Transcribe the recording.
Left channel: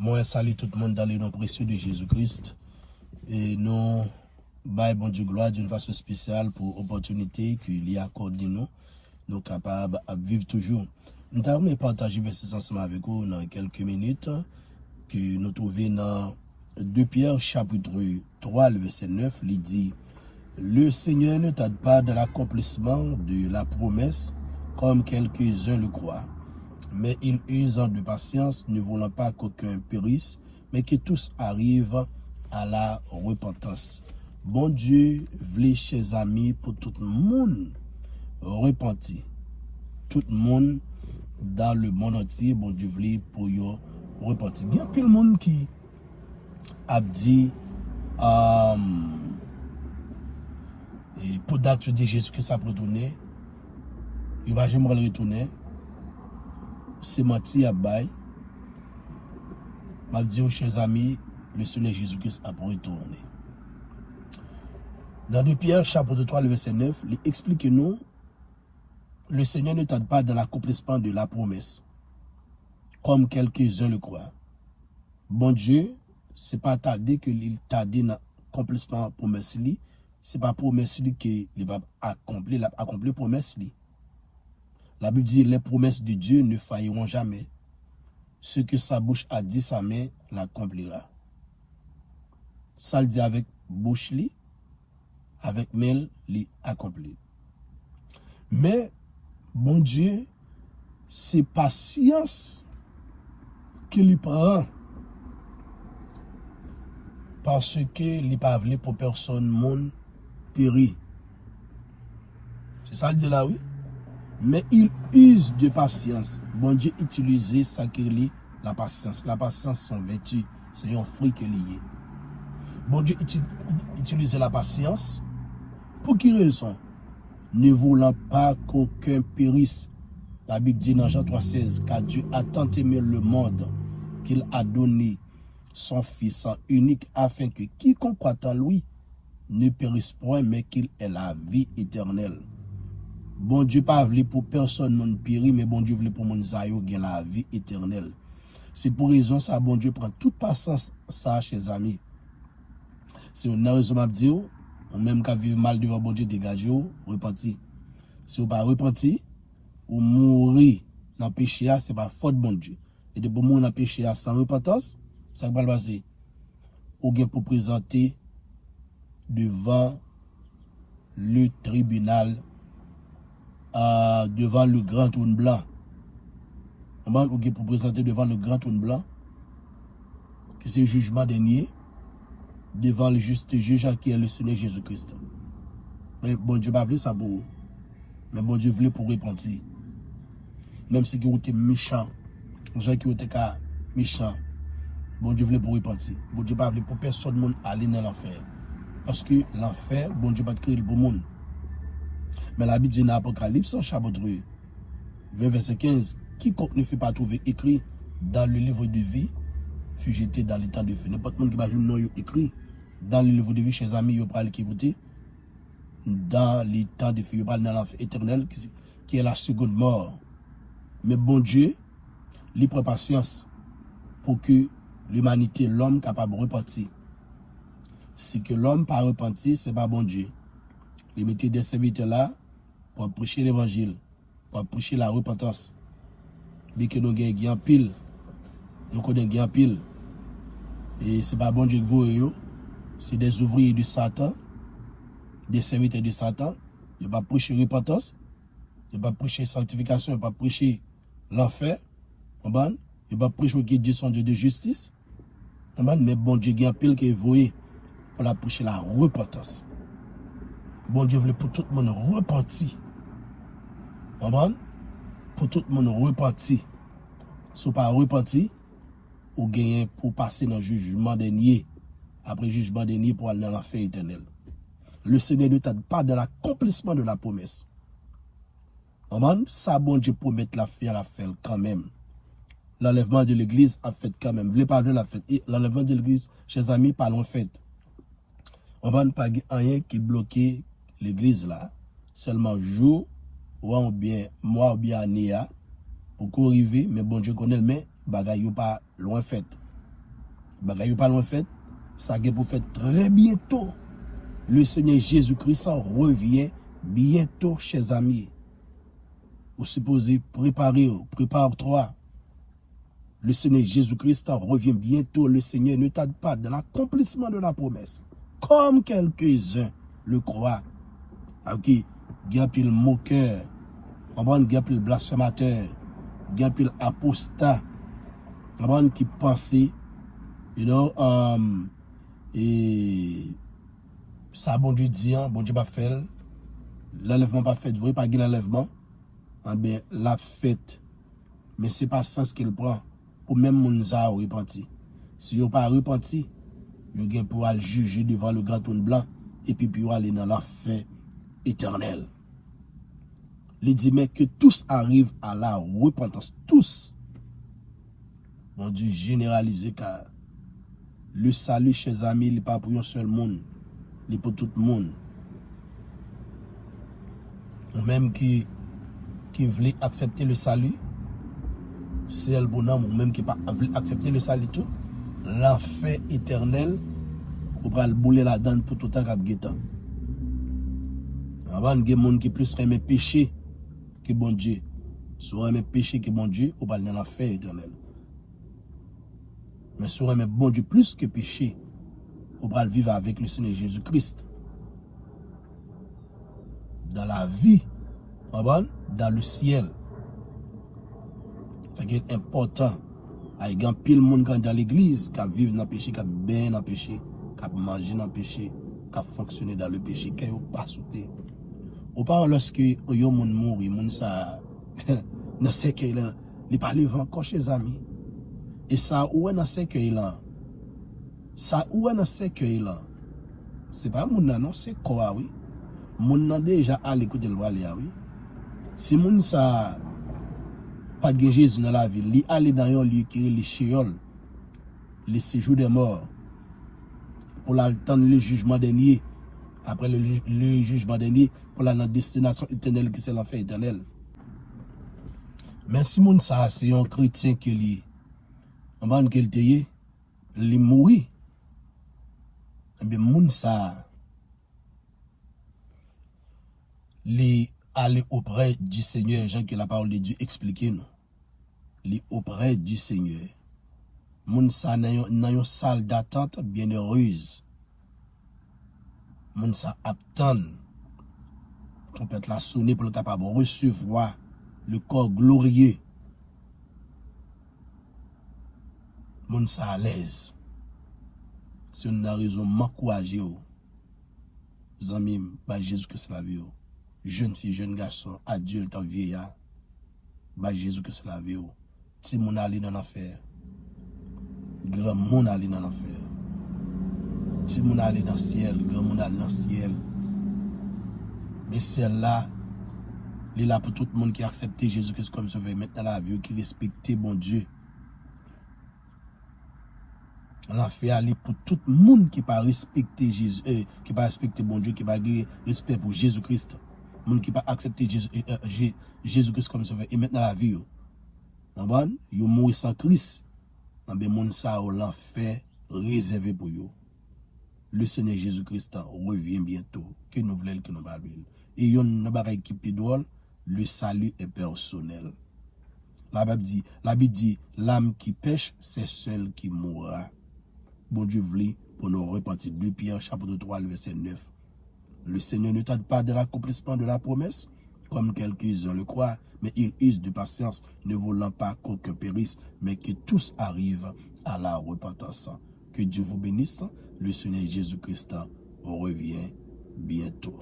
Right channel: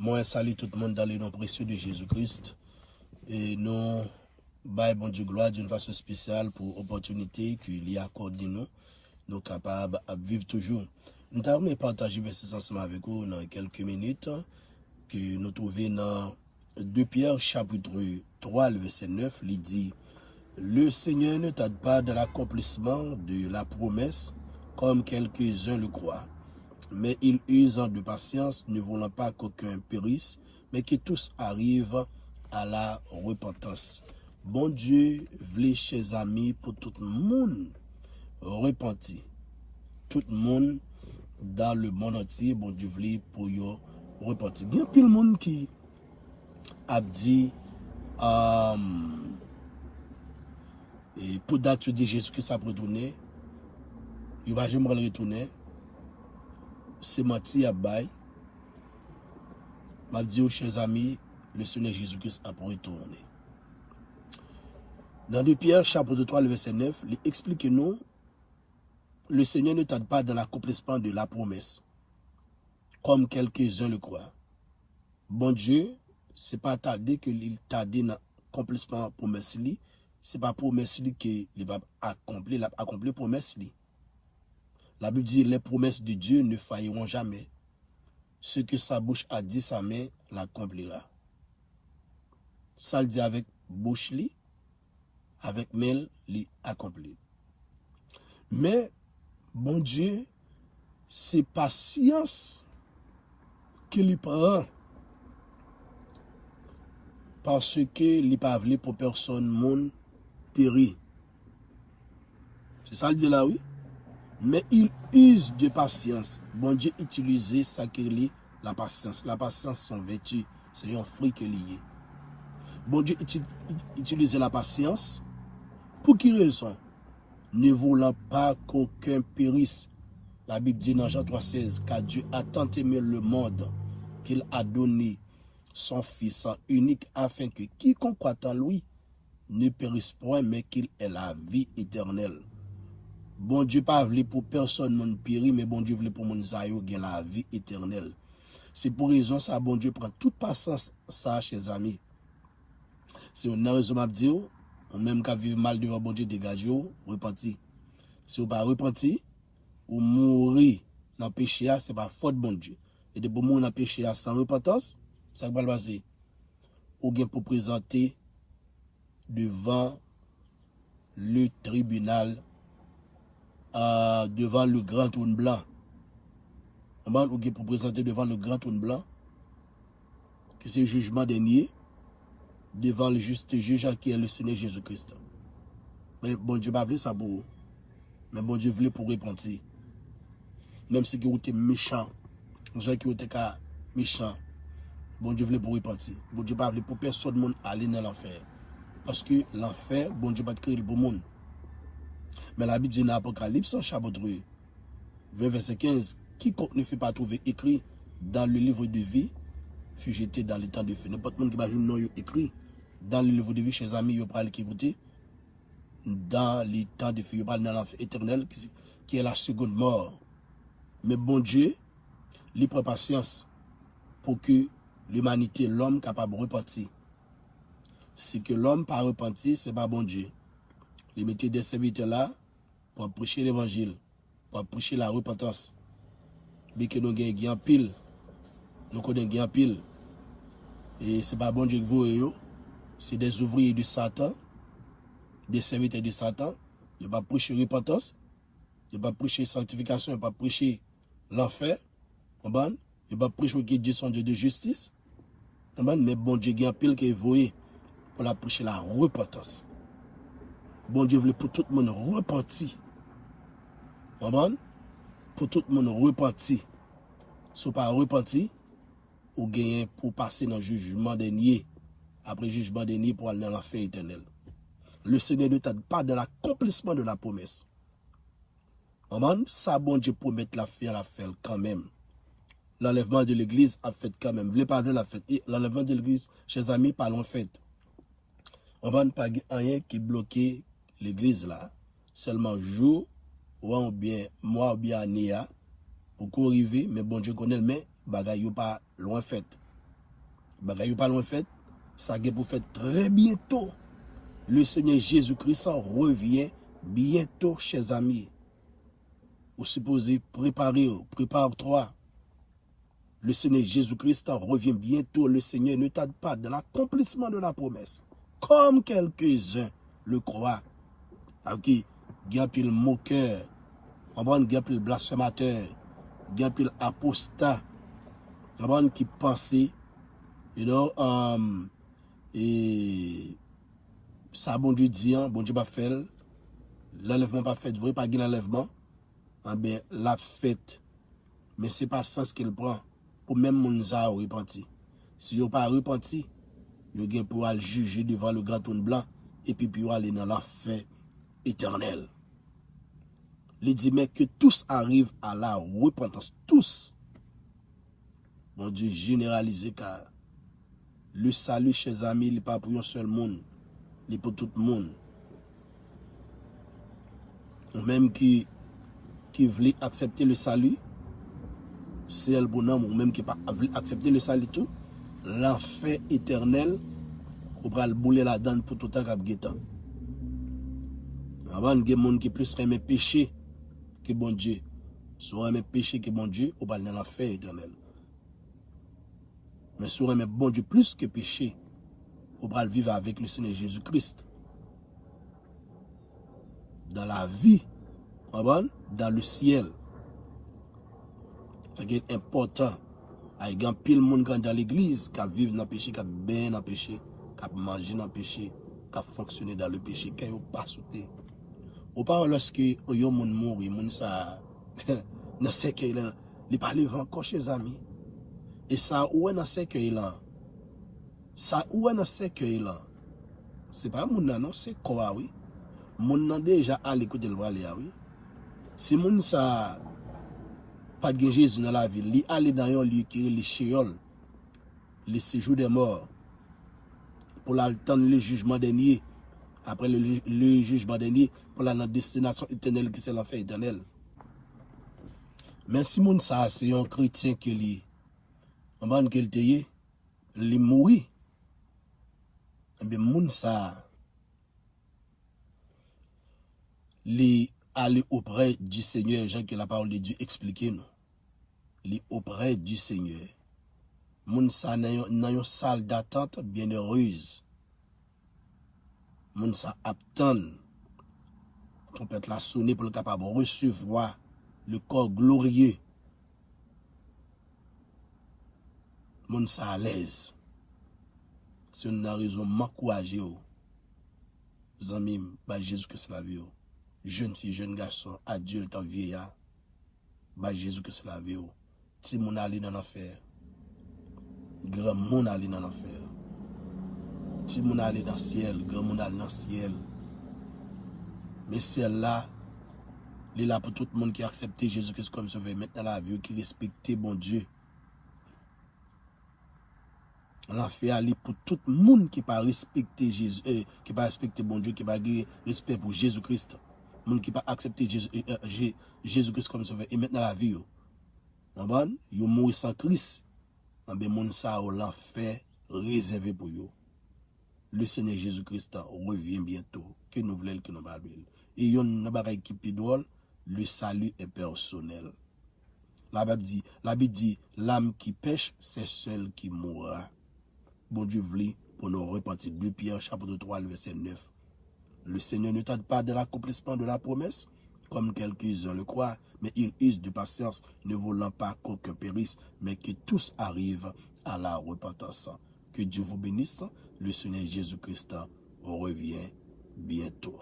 Moi, salue tout le monde dans le nom précieux de Jésus-Christ. Et nous, bon Dieu gloire d'une façon spéciale pour l'opportunité qu'il y a accordé nous capables de vivre toujours. Nous avons partagé verset ensemble avec vous dans quelques minutes que nous trouvons dans 2 Pierre chapitre 3, le verset 9, il dit « Le Seigneur ne tarde pas dans l'accomplissement de la promesse comme quelques-uns le croient. Mais il use de patience, ne voulant pas qu'aucun périsse, mais que tous arrivent à la repentance. » Bon Dieu, v'lait, chers amis, pour tout le monde repenti. Tout le monde dans le monde entier, bon Dieu, v'lait pour yo repenti. Il y a plus le monde qui a dit, pour date de Jésus que ça peut retourner, il va jamais retourner. C'est menti à bail. M'a dit aux chers amis, le Seigneur Jésus-Christ a retourné. Dans 2 Pierre, chapitre 3, le verset 9, il explique nous, le Seigneur ne tarde pas dans l'accomplissement de la promesse, comme quelques-uns le croient. Bon Dieu, ce n'est pas tardé que il tarde dans l'accomplissement de la promesse, ce n'est pas promesse qu'il va accomplir la promesse. La Bible dit, les promesses de Dieu ne failliront jamais. Ce que sa bouche a dit, sa main l'accomplira. Ça le dit avec bouche, avec main, l'accomplit. Mais, bon Dieu, c'est patience qu'il prend. Parce que il pas voulu pour personne, monde périr. C'est ça le dit là, oui? Mais il use de patience. Bon Dieu utilise ça qui est la patience. La patience, son vertu, c'est un fruit qui est lié. Bon Dieu utilise la patience. Pour qui raison? Ne voulant pas qu'aucun périsse. La Bible dit dans Jean 3,16 car Dieu a tant aimé le monde qu'il a donné son Fils unique afin que quiconque croit en lui ne périsse point mais qu'il ait la vie éternelle. Bon Dieu pas voulu pour personne non périr, mais bon Dieu voulait pour mon Zayo gagner la vie éternelle. C'est pour raison ça, bon Dieu prend toute patience ça, chers amis. C'est une raison à dire, ou même qu'à vivre mal devant bon Dieu, dégagez, repenti. Si vous pas repenti, ou mourir dans le péché, c'est pas faute bon Dieu. Et de pour mourir dans le péché sans repentance, ça va le passer. Ou bien pour présenter devant le tribunal, devant le grand trône blanc. Ou bien pour présenter devant le grand trône blanc, que c'est le jugement dernier, devant le juste juge qui est le Seigneur Jésus-Christ. Mais bon Dieu n'a pas voulu ça pour vous. Mais bon Dieu voulait pour repentir. Même si vous êtes méchant, les gens qui étaient méchants, bon Dieu voulait pour repentir. Bon Dieu n'a pas voulu pour personne monde aller dans l'enfer. Parce que l'enfer, bon Dieu n'a pas créé le bon monde. Mais la Bible dit dans l'Apocalypse, chapitre 20, verset 15, quiconque ne fut pas trouvé écrit dans le livre de vie, fut jeté dans les temps de feu. N'importe qui va non écrit dans le livre de vie, chers amis, vous parlez qui écouter, dans les temps de feu, vous parlez dans l'enfer éternel, qui est la seconde mort. Mais bon Dieu, il prend patience pour que l'humanité, l'homme, capable de repentir. C'est que l'homme pas repenti, c'est pas bon Dieu. Il mettait des serviteurs là pour prêcher l'évangile, pour prêcher la repentance. Bien que nous gagnons pile, nous connaissons pile. Et ce n'est pas bon Dieu que vous, c'est des ouvriers de Satan, des serviteurs de Satan. Ils ne vont pas prêcher repentance, ils ne vont pas prêcher sanctification, ils ne vont pas prêcher l'enfer. Ils ne vont pas prêcher que Dieu son Dieu de justice. Mais bon Dieu gagne pile que vous pour la prêcher la repentance. Bon Dieu voulait pour tout le monde repentir. Pour tout le monde repentir. Si vous pas repenti, ou gagner pour passer dans le jugement dernier. Après le jugement dernier pour aller dans l'enfer éternel. Le Seigneur ne tarde pas dans l'accomplissement de la promesse. Ça, bon Dieu promet la faire quand même. L'enlèvement de l'église a fait quand même. Vous voulez parler de la fête. L'enlèvement de l'église, chers amis, parlons fête. On va pas rien qui bloquer l'église là. Seulement jour, ou bien mois, ou bien année, pour qu'on arrive, mais bon Dieu connaît, mais bagay yo pas loin fait. Bagay pas loin fait, ça a pour faire très bientôt. Le Seigneur Jésus-Christ revient bientôt, chers amis. Vous supposez préparer, prépare-toi. Le Seigneur Jésus-Christ revient bientôt. Le Seigneur ne tarde pas dans l'accomplissement de la promesse. Comme quelques-uns le croient. Ok, il y a pile moqueur, il y a pile blasphémateur, il y a pile apostat, qui pensait, et ça, bon Dieu dit, bon Dieu pas fait, l'enlèvement pas fait, vrai pas gain l'enlèvement, bien, la fête, mais c'est pas sens qu'il prend, pour même moun sa repenti. Si yo pas repenti, yo gen pour aller juger devant le grand trône blanc, et puis yo aller dans l'enfer éternel. Il dit, mais que tous arrivent à la repentance, tous. Mon Dieu, généralisé, car le salut, chers amis, il n'est pas pour un seul monde, il est pour tout le monde. Même qui veut accepter le salut, c'est le bonhomme, ou même qui ne veut pas accepter le salut tout, l'enfer éternel, on va le bouler la donne pour tout le temps qu'il y a. Avant, il y a des gens qui plus aiment péché que bon Dieu. Si on aime péché que bon Dieu, on va dans l'enfer éternel. Mais si on aime bon Dieu plus que péché, on va vivre avec le Seigneur Jésus-Christ. Dans la vie, dans le ciel. C'est important. Il y a pile de monde dans l'église qui vivent dans le péché, qui bien dans le péché, qui mangent dans le péché, qui fonctionnent dans le péché, qui n'ont pas sauté. Au part lorsque yon moun mouri, moun sa dans cercueil là, il pas levé encore chez amis. Et ça où est dans cercueil là? Ça où est dans cercueil là? C'est pas moun nan non, c'est quoi oui. Moun nan déjà à l'écoute de l'ouali oui. Si moun sa pas de Jésus dans la ville, li aller dans un lieu qui est le Sheol, le séjour des morts, pour l'attendre le jugement dernier. Après le jugement dernier, pour la destination éternelle qui c'est l'enfer éternel. Mais si moun sa c'est un chrétien qui li, avant qu'il te y, li mouri, et bien moun sa li aller auprès du Seigneur, Jean que la parole de Dieu explique nous. Li auprès du Seigneur. Moun sa nan yon salle d'attente bien heureuse. Moun sa attend. Trompette la sonner pour le capable de recevoir le corps glorieux. Moun sa à l'aise. C'est une raison m'encourager. Amis, par Jésus que c'est la vie. Jeune fille, jeune garçon, adulte, vieillard. Par Jésus que c'est la vie. Si moun aller dans l'enfer. Grand moun aller dans l'enfer. Si moun aller dans le ciel, grand moun aller dans le ciel. Mais celle-là, il est là pour tout le monde qui a accepté Jésus-Christ comme sauveur, maintenant la vie, qui respecte bon Dieu. L'enfer est pour tout le monde qui pas respecter Jésus, qui pas respecter bon Dieu, qui pas respect pour Jésus-Christ. Le monde qui pas accepter Jésus-Christ comme sauveur, et maintenant la vie. Ils mourent sans Christ. Mais moun sa l'enfer réservé pour eux. Le Seigneur Jésus-Christ revient bientôt. Que nous voulons, que nous parlons. Et yon n'a pas qui pidole, le salut est personnel. La Bible dit, l'âme qui pêche, c'est celle qui mourra. Bon Dieu voulait pour nous repentir. 2 Pierre, chapitre 3, verset 9. Le Seigneur ne tarde pas de l'accomplissement de la promesse, comme quelques-uns le croient, mais il use de patience, ne voulant pas qu'aucun périsse, mais que tous arrivent à la repentance. Que Dieu vous bénisse. Le Seigneur Jésus-Christ revient bientôt.